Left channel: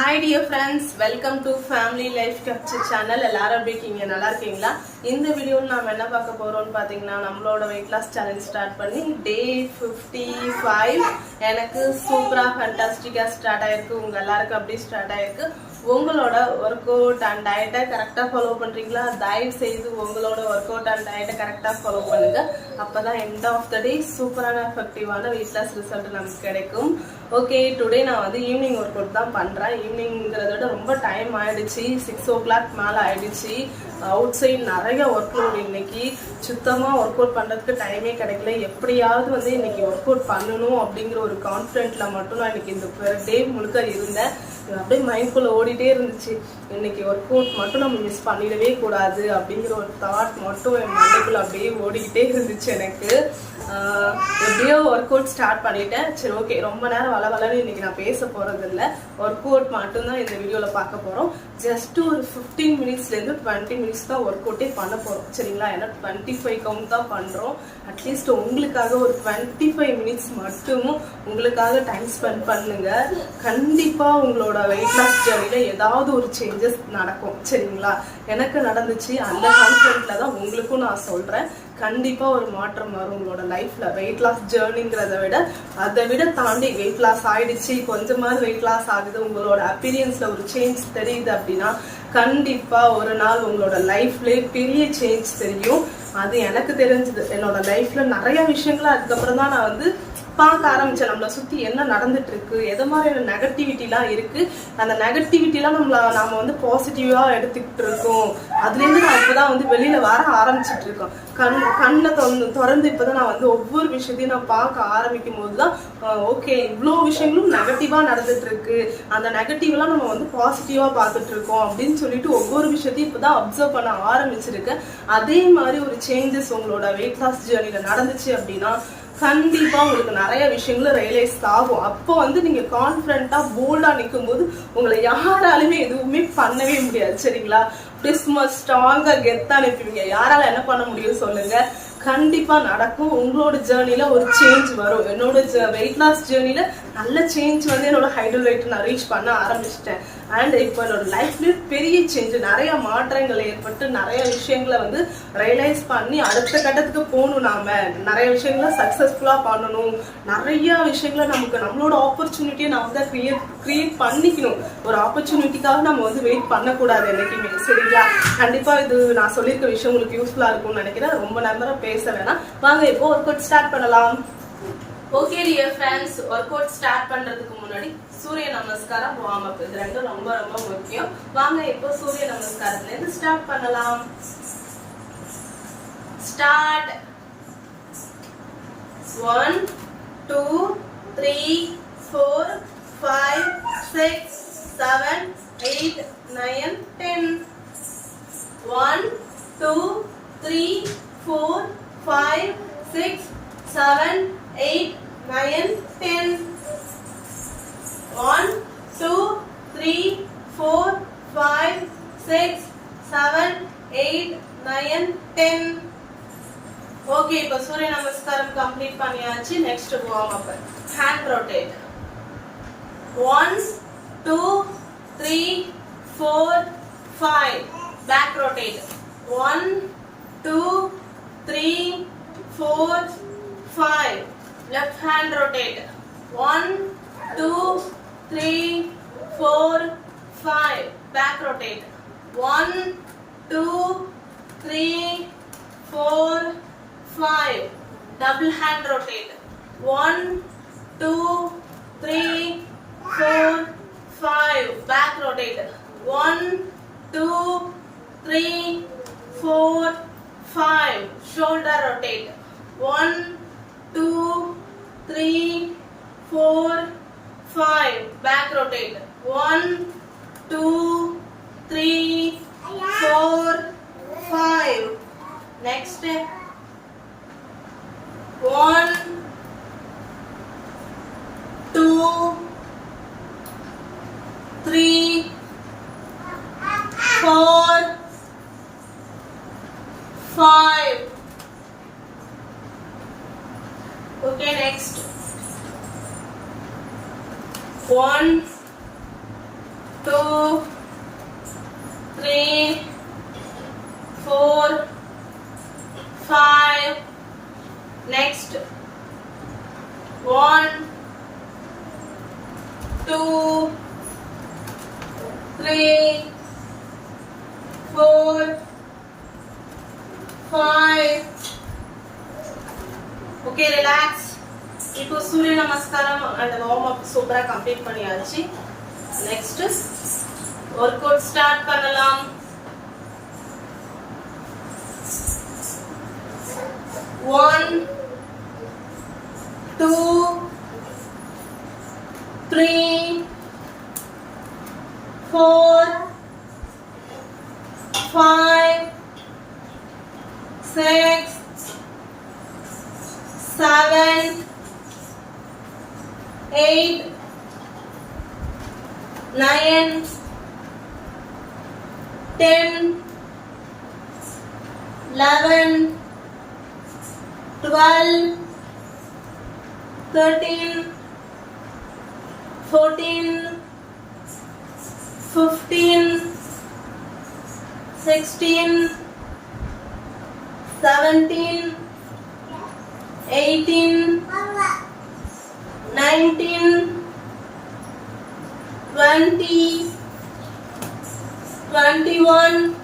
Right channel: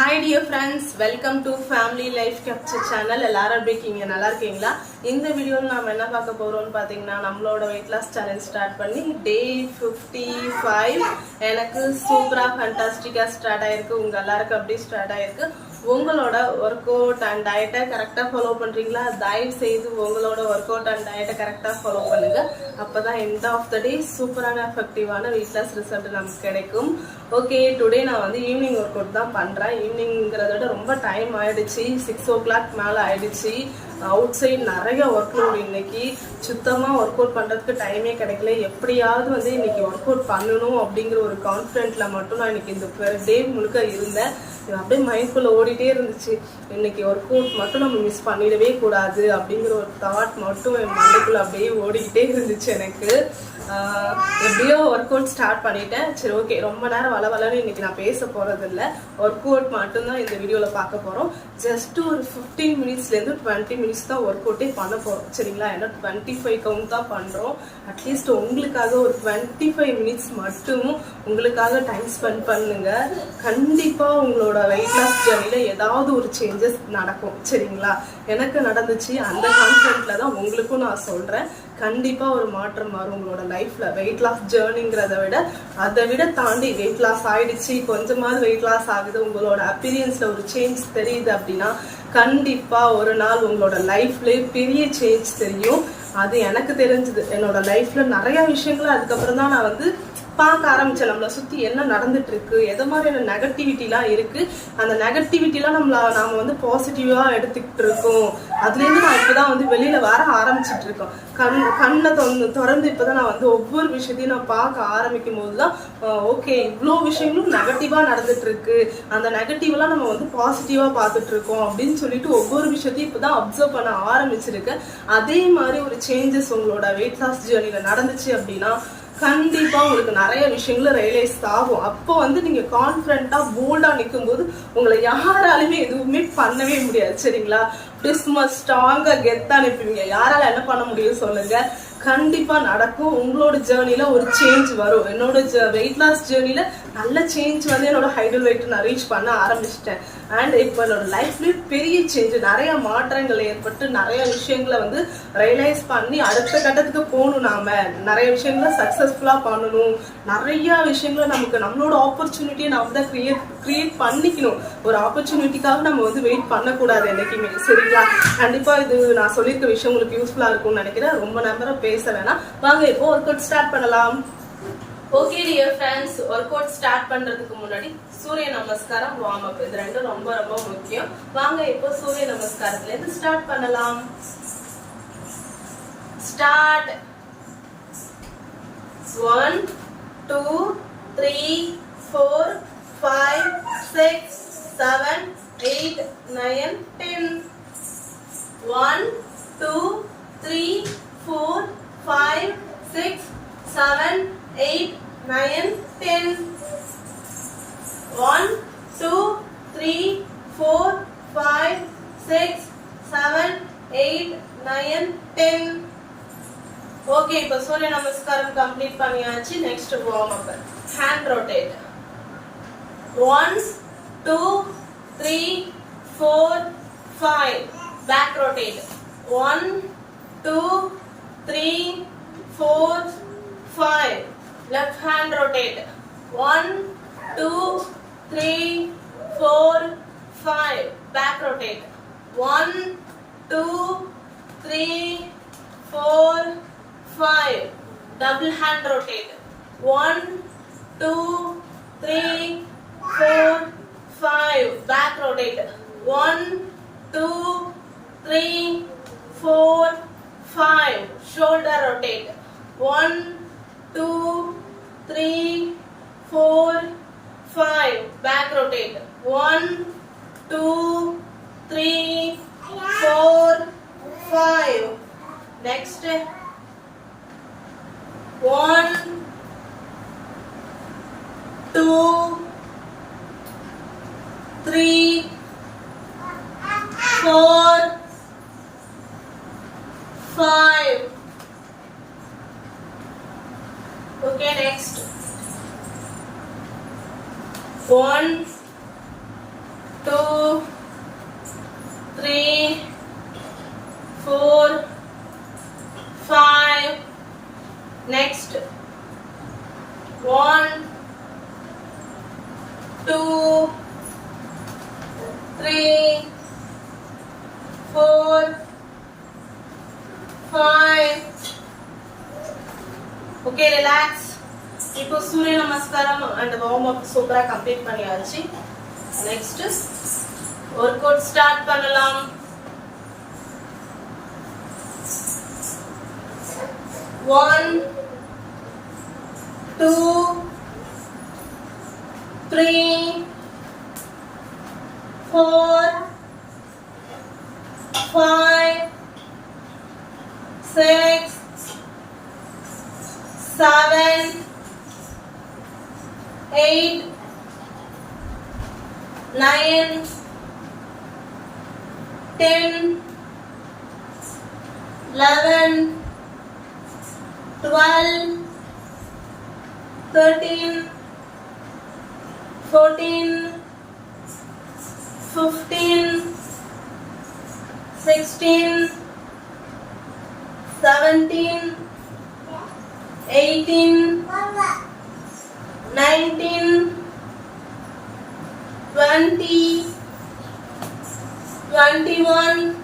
Hi dear friends, welcome to Family Life Capture channel. எல்லாரும் எப்படி இருக்கீங்க? நல்லா இருக்கீங்களா? இந்த வீடியோல நாம என்ன பார்க்க போறோம்னு பாத்தீங்கன்னா நம்மளோட weight loss challenge ஸ்டார்ட் பண்ணி டே 55 எனக்கு சூப்பரா ஃபண்டாஸ்டிக்கா ஸ்டார்ட் ஆயிருக்கு. உங்க எல்லாருக்கும் அப்படியே ஸ்டார்ட் ஆயிருக்கு. உங்களோட ஒர்க் அவுட் அண்ட் டயட்டை கரெக்டா ஃபாலோ பண்றீங்களா? தயவு செய்து உங்களோட ஒர்க் அவுட் அண்ட் டயட்டை கரெக்டா ஃபாலோ பண்ணுங்க. அப்பதான் எண்ட் ஆஃப் த டே சூப்பரான எஃபெக்டிவான weight loss ரிசல்ட் நமக்கு கிடைக்கும். ஓகே, டுடே நான் வந்து ஈவினிங் ஒர்க் அவுட் தான் பண்றேன். ஈவினிங்கிறத விட ரொம்ப டைம் ஆயிடுச்சு, 6 o'clock மேல ஆயிடுச்சு. அவுட் சைட் நிறைய ஒர்க் லோட். இன்னைக்கு சுத்தமா ஒர்க் அவுட் பண்றதுக்கு டைமே கிடைக்கல. எப்படியாவது வந்து இன்னைக்கு ஒர்க் அவுட் பண்ணணும் அப்படிங்கிற ஒரு கான்பிடென்ட்ல மட்டும் நான் இன்னைக்கு இந்த டே முழுக்க இருந்தேன். அப்படியே மைண்ட்குள்ள ஓடிட்டே இருந்துச்சு. இன்னைக்கு ஒர்க் அவுட் மட்டும் நம்ம மிஸ் பண்ணிடவே கூடாது அப்படிங்கிற ஒரு தாட் மட்டும் என் மண்டைக்குள்ள அப்படியே ஓடிக்கிட்டே இருந்துச்சு எனக்கு. எப்படியோ ஒர்க் அவுட் ஸ்டார்ட் பண்ணிட்டேன். சரி, ஓகே, ரொம்ப நேரம் வளவலன்னு இன்னைக்கு நான் பேச போறது இல்லை. ஒர்க் அவுட் மட்டும்தான் இந்த வீடியோல பார்க்க போறோம். ஜஸ்ட் ஒரு 15 மினிட்ஸ்லேருந்து 20 மினிட்ஸ் தான் ஒர்க் அவுட்டே பண்ண போறோம், சரிங்களா? ஏன்னா 25 கவுண்ட் தான் பண்றோம். அட்லீஸ்ட் உங்களுக்காக ஒரு 25 மினிட்ஸ் மட்டும் உங்களுக்காக டைம் ஸ்பெண்ட் பண்ணுங்க. கண்டிப்பா உங்களோட வெயிட் லாஸ் ஜர்னில ஏதாவது ஒரு சேஞ்சஸ் நடக்கும், சரிங்களா? எனக்கு நடந்துச்சு. அந்த கான்ஃபிடென்ட்ல தான் உங்களுக்கும் நான் சொல்றேன். கண்டிப்பா ஒரு மாற்றம் வரும் உங்களோட லைஃப்ல. வெயிட் லாஸ் ஜேர்னிங்கிறத விட அதை விட தாண்டி வெயிட் லாஸ் ஆயிடுச்சு, கொஞ்சமாவது வெயிட் லாஸ் ஆகுது, உங்களோட அப்பீரியன்ஸ்ல ஒரு சேஞ்ச் தெரியுது அப்படின்னா கண்டிப்பா ஒரு நாள் உங்களோட லைஃப்லயே பெரிய சேஞ்ச் தெரியும். அது எனக்கு தெரிஞ்சது. என்னோட லைஃப்ல நிறைய விஷயங்களை அதுக்கப்புறம் தான் நான் வந்து பார்க்க ஆரம்பிச்சேன். நம்மளை சுத்தி என்ன நடந்துட்டு இருக்கு, எது மாதிரியான நெகட்டிவிட்டிலாம் இருக்கு, அந்த நெகட்டிவிட்டிலாம் நாம வந்து பாசிட்டிவா எடுத்துக்கிட்டு இருக்கோம். அதுல இருந்து நான் இப்பதான் வந்து வெளியில வர ஆரம்பிச்சுட்டு இருக்கோம். கண்ணை திறந்து இப்பதான் நான் வந்து ஒவ்வொரு விஷயத்தையும் நான் பார்க்க ஆரம்பிக்கும் போதுதான் ஓகே, இவ்வளோ விஷயங்களும் நெகட்டிவா நடந்துட்டு இருக்கு, அந்த நெகட்டிவ் எல்லாம் நம்ம வந்து பாசிட்டிவா பார்த்துட்டு இருக்கோம் அப்படின்னு சொல்லிட்டு ஒவ்வொரு விஷயத்தையும் இப்பதான் அப்சர்வ் பண்ண ஆரம்பிச்சிருக்கேன். அதே மாதிரி ஒரு சேஞ்சஸ் உங்களோட வெயிட் லாஸ் ஜேர்னில நடந்துச்சு அப்படின்னா கண்டிப்பா உங்களுக்கு நிறைய விஷயங்களும் ரியலைஸ் ஆகும். அப்போ வந்து நீங்க கான்பிடண்டா போல்டா நிற்கும் போது உங்களை யாராலுமே எதுவுமே பண்ணவே முடியாது, சரிங்களா? ஸ்ட்ராங்கா கெத்தா நிற்பீங்க. யாரால என்ன பண்ண முடியும் சொல்லுங்க? கண்டிப்பா நடக்கும். உங்களோட ஜேர்னில ஒரு சேஞ்ச் வரும். என்னோட வெயிட் லாஸ் ஜேர்னில நல்ல சேஞ்ச் வந்து என்னோட ஹைடல் வெயிட் நான் ரீச் பண்ண ஆரம்பிச்சிட்டேன். அண்ட் இப்போ என்னோட லைஃப்லயும் பெரிய சேஞ்ச், நிறைய மாற்றங்கள் ஏற்பட்டு நிறைய விஷயங்களை வந்து ரியலைஸ் பண்ணி அடுத்த கட்டத்துக்கு போகணும். நாம நிறைய விஷயங்களை சக்சஸ்ஃபுல்லா பண்ணணும். நிறைய விஷயங்களை நமக்கு நம்மளோட ஆப்பர்ச்சுனிட்டியை நாம தான் கிரியேட் பண்ணிக்கணும். ஒரு ஆப்பர்ச்சுனிட்டிக்காக நம்ம வந்து வெயிட் பண்ணக்கூடாது என்னைக்குமே, சரிங்களா? கண்டிப்பா இது நான் சொல்லியிருக்க விஷயம் உங்களுக்கு யூஸ்ஃபுல்லா இருக்கும்னு நினைக்கிறேன். ரொம்ப நேரம் பேச வேணாம், வாங்க இப்போ ஒர்க் அவுட் ஸ்டார்ட் பண்ணலாம். Okay dear friends, work out start பண்றதுக்கு முன்னாடி சூரிய நமஸ்காரம், வார்ம் அப், இது ரெண்டும் ரொம்ப ரொம்ப முக்கியம். வாங்க இப்போ சூரிய நமஸ்காரத்துல இருந்து ஸ்டார்ட் பண்ணலாம். ஸ்டார்ட். 1 2 3 4 5 6 7 8 9 10. 1 2 3 4 5 6 7 8 9 10. 1 2 3 4 5 6 7 8 9 10. ஓகே, இப்போ சூரிய நமஸ்காரம் கம்ப்ளீட் பண்ணியாச்சு. Next warm up. Hand rotate. 1 2 3 4 5. Back rotate. 1 2 3 4 5. Left hand rotate. 1 2 3 4 5. Back rotate. 1 2 3 4 5. Double hand rotate. 1 2 3 4 5. Back rotate. 1 2 3 4 5. Shoulder rotate. 1 2 3 4 5. Back rotate. 1 2 3 4 5. Next. 1 2 3 4 5. Okay, next. 1 3 4 5. Okay, relax. இப்போ சூரிய நமஸ்காரம் and warm up சூப்பரா கம்ப்ளீட் பண்ணியாச்சு. நெக்ஸ்ட் ஒர்க் அவுட் ஸ்டார்ட் பண்ணலாம். 1 2 3 4 5 6 7 8 9 10 11 12 13 14 15 16 17 18 19 20 21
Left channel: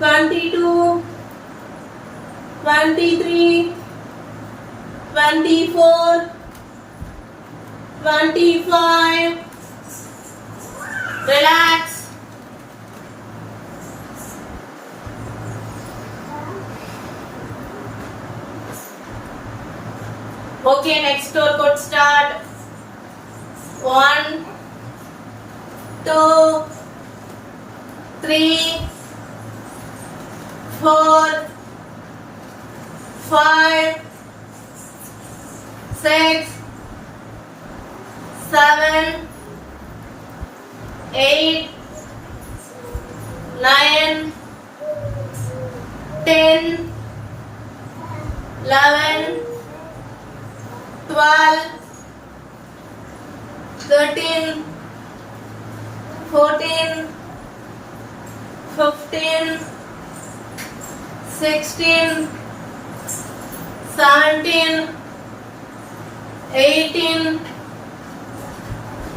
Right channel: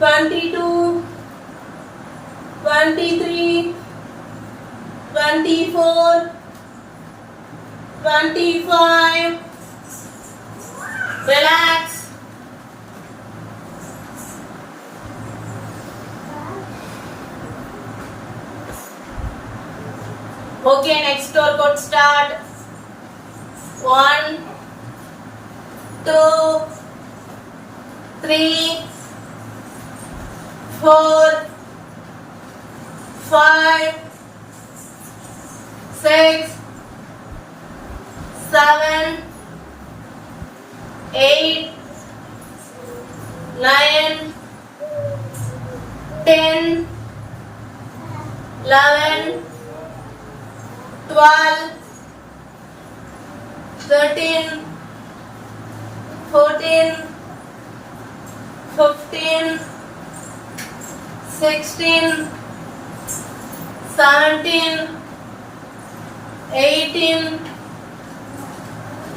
22 23 24 25. Relax. Okay, next workout start. 1 2 3 4 5 6 7 8 9 10 11 12 13 14 15 16 17 18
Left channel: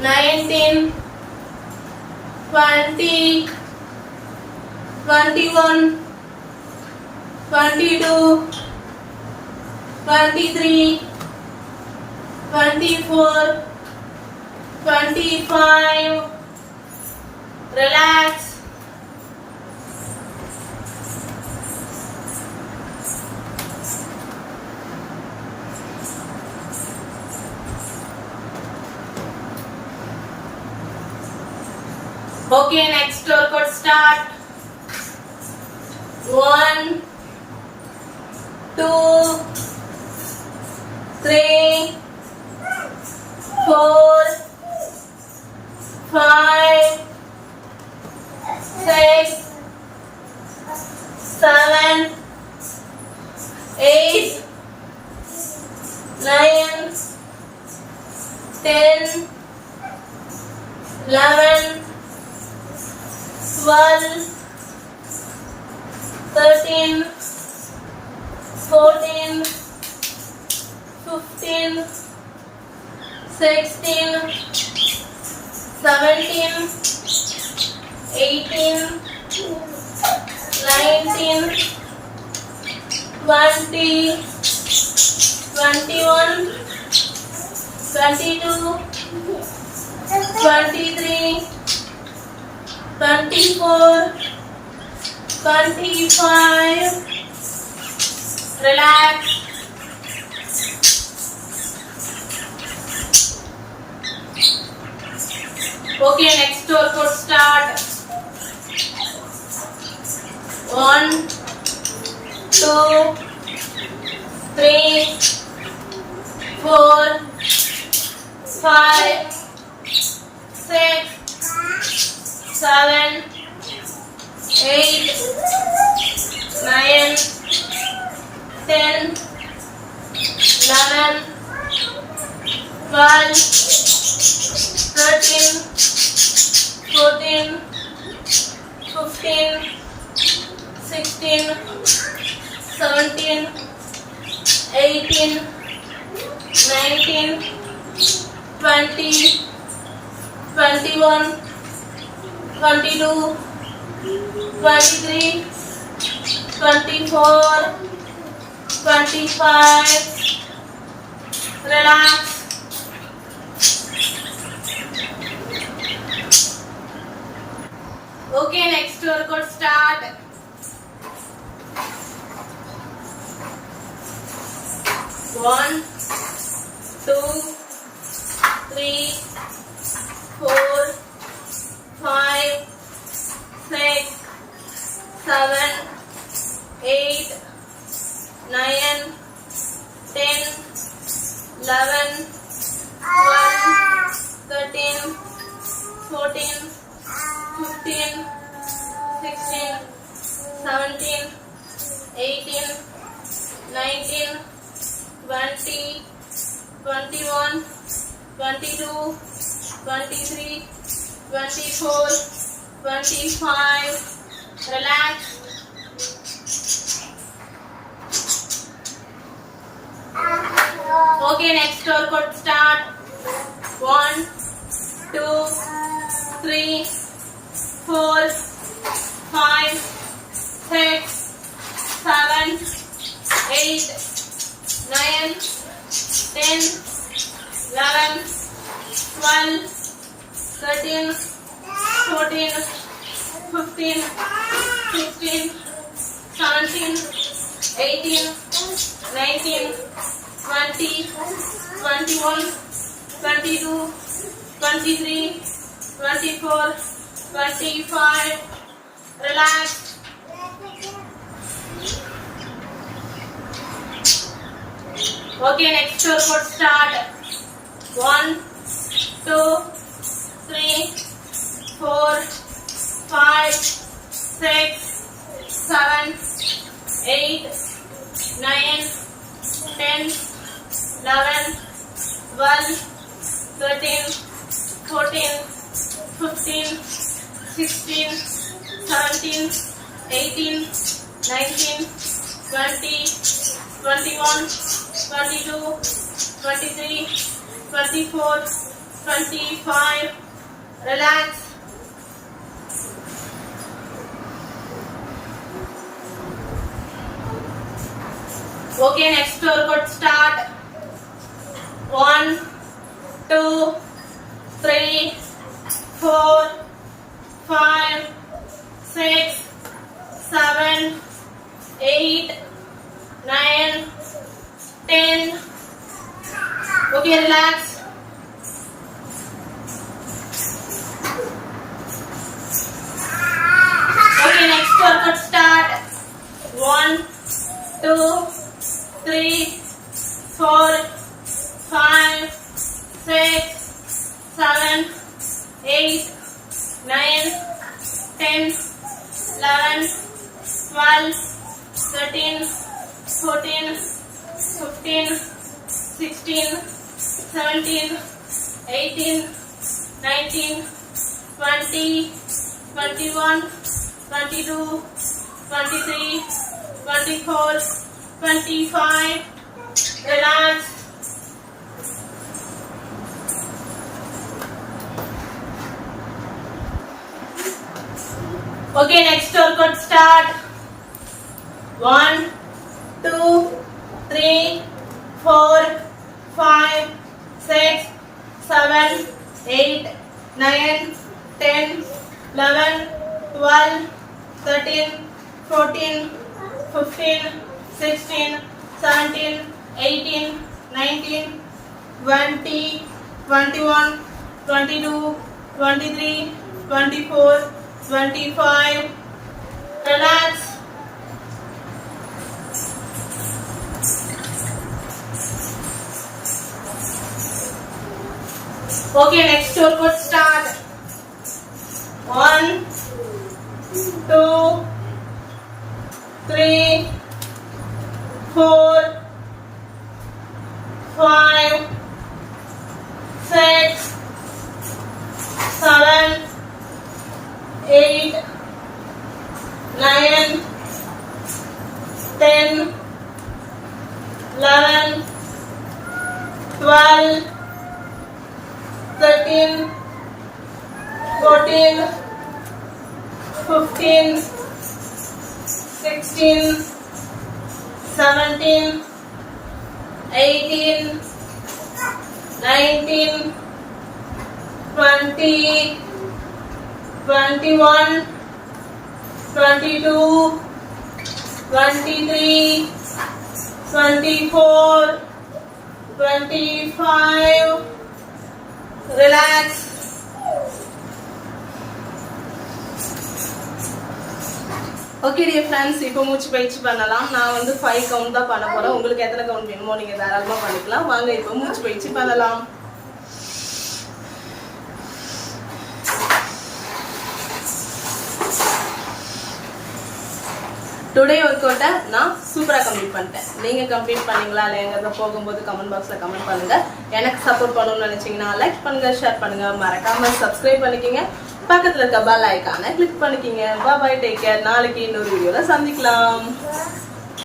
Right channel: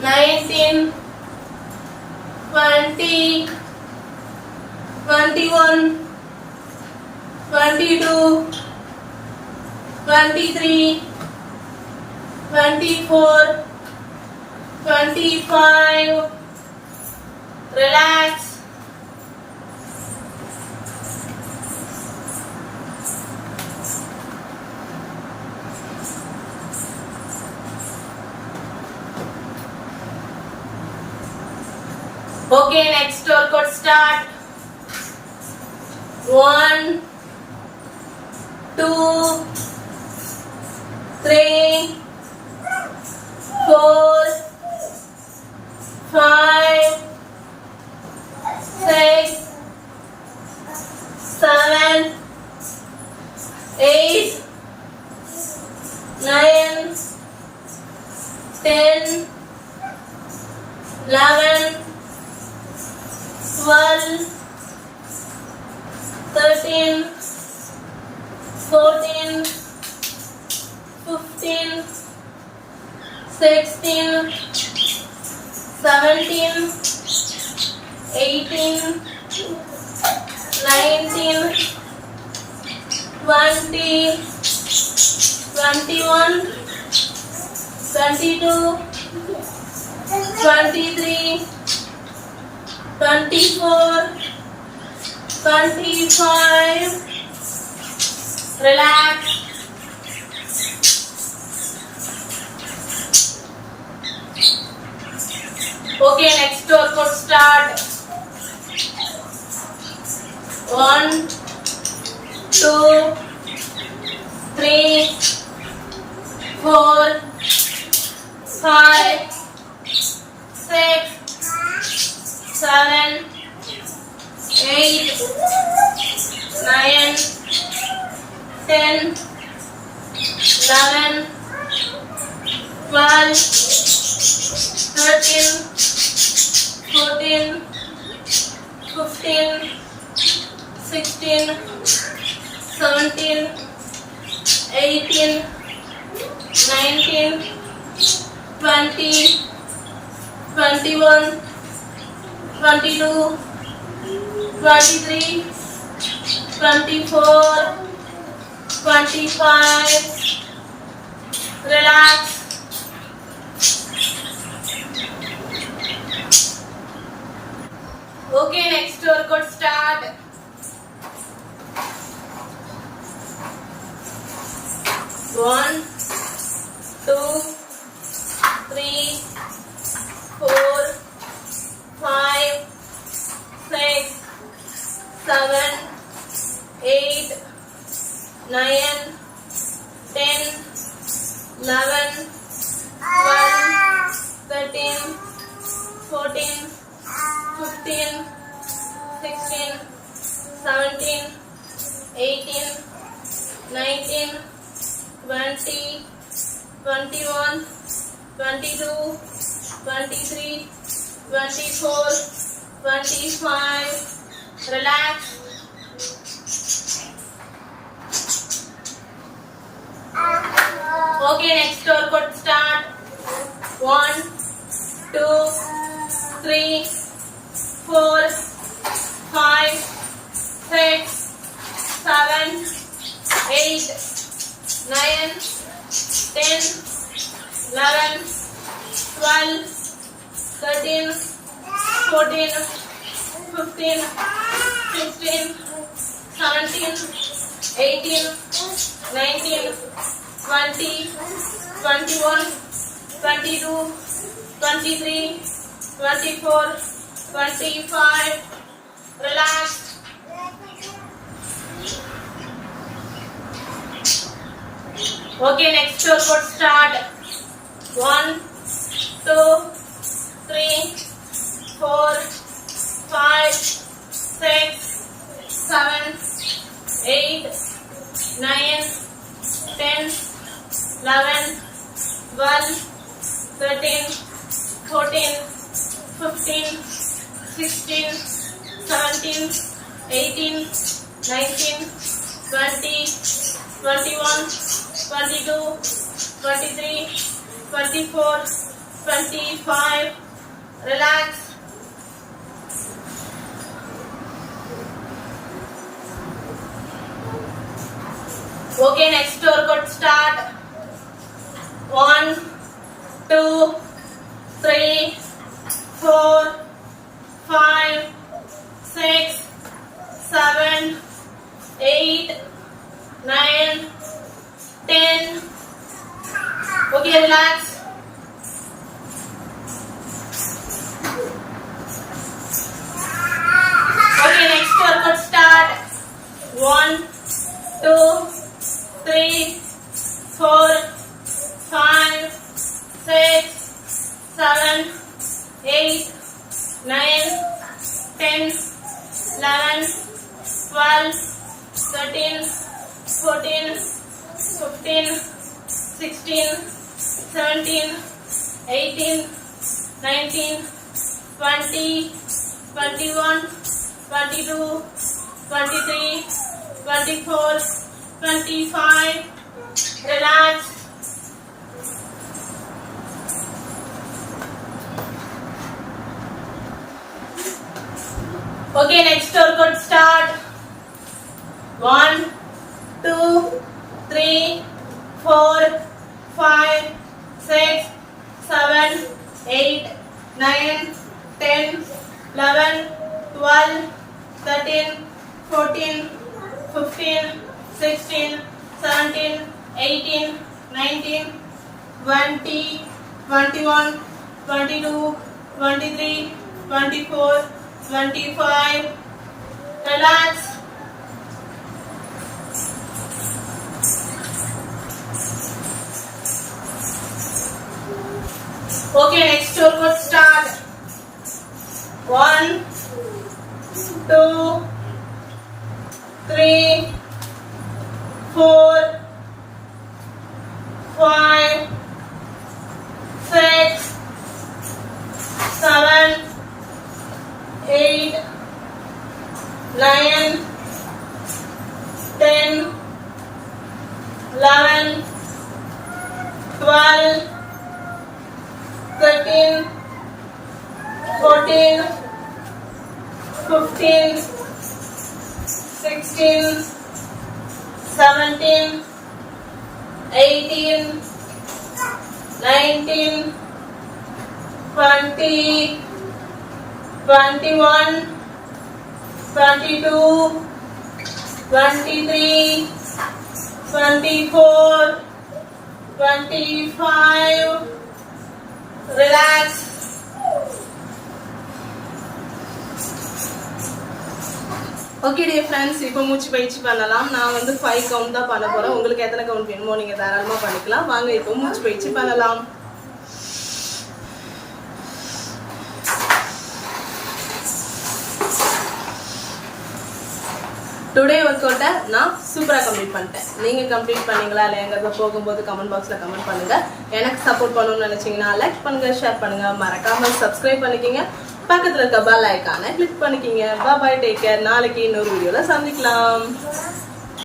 19 20 21 22 23 24 25. Relax. Okay, next workout start. 1 2 3 4 5 6 7 8 9 10 11 12 13 14 15 16 17 18 19 20 21 22 23 24 25. Relax. Okay, next workout start. 1 2 3 4 5 6 7 8 9 10 11 12 13 14 15 16 17 18 19 20 21, 22, 23, 24, 25. Relax. Okay, next workout start. 1, 2, 3, 4, 5, 6, 7, 8, 9, 10, 11, 12, 13, 14, 15, 16, 17, 18, 19, 20, 21, 22, 23, 24, 25. Relax. Okay, next workout start. 1, 2, 3, 4, 5, 6, 7, 8, 9, 10, 11, 12, 13, 14, 15, 16, 17, 18, 19, 20, 21, 22, 23, 24, 25. Relax. Okay, next workout start. 1, 2, 3, 4, 5, 6, 7, 8, 9, 10, 11, 12, 13, 14, 15, 16, 17, 18, 19, 20, 21, 22, 23, 24, 25. Relax. Okay, next workout start. 1, 2, 3, 4, 5, 6, 7, 8, 9, 10. Okay, relax. Okay, next workout start. 1, 2, 3, 4, 5, 6, 7, 8, 9, 10, 11, 12, 13, 14, 15, 16, 17, 18, 19, 20, 21, 22, 23, 24, 25. Relax. Okay, next workout start. 1, 2, 3, 4, 5, 6, 7, 8, 9, 10, 11, 12, 13, 14, 15, 16, 17, 18, 19, 20, 21, 22, 23, 24, 25. Relax. Okay, next workout start. 1, 2, 3, 4, 5, 6, 7, 8, 9, 10, 11, 12, 13, 14, 15, 16, 17, 18, 19, 20, 21, 22, 23, 24, 25. Relax. Okay dear friends, இப்போ மூச்சு பயிற்சி பண்ணலாம். நான் வந்து 5 கவுண்ட் தான் பண்ண போறேன். உங்களுக்கு எத்தனை கவுண்ட் வேணுமோ நீங்க தாராளமா பண்ணிக்கலாம். வாங்க இப்போ மூச்சு பயிற்சி பண்ணலாம். டுடே ஒர்க் அவுட்டை நான் சூப்பராக கம்ப்ளீட் பண்ணிட்டேன். நீங்கள் கம்ப்ளீட் பண்ணீங்களா இல்லைங்கிறத போகும்போது கமெண்ட் பாக்ஸில் கமெண்ட் பண்ணுங்கள். எனக்கு சப்போர்ட் பண்ணணும்னு நினச்சிங்கன்னா லைக் பண்ணுங்கள், ஷேர் பண்ணுங்கள், மறக்காமல் சப்ஸ்கிரைப் பண்ணிக்கிங்க. பக்கத்தில் இருக்க பெல் ஐக்கானை கிளிக் பண்ணிக்கிங்க. பாய், டேக் கேர். நாளைக்கு இன்னொரு வீடியோவில் சந்திக்கலாம்.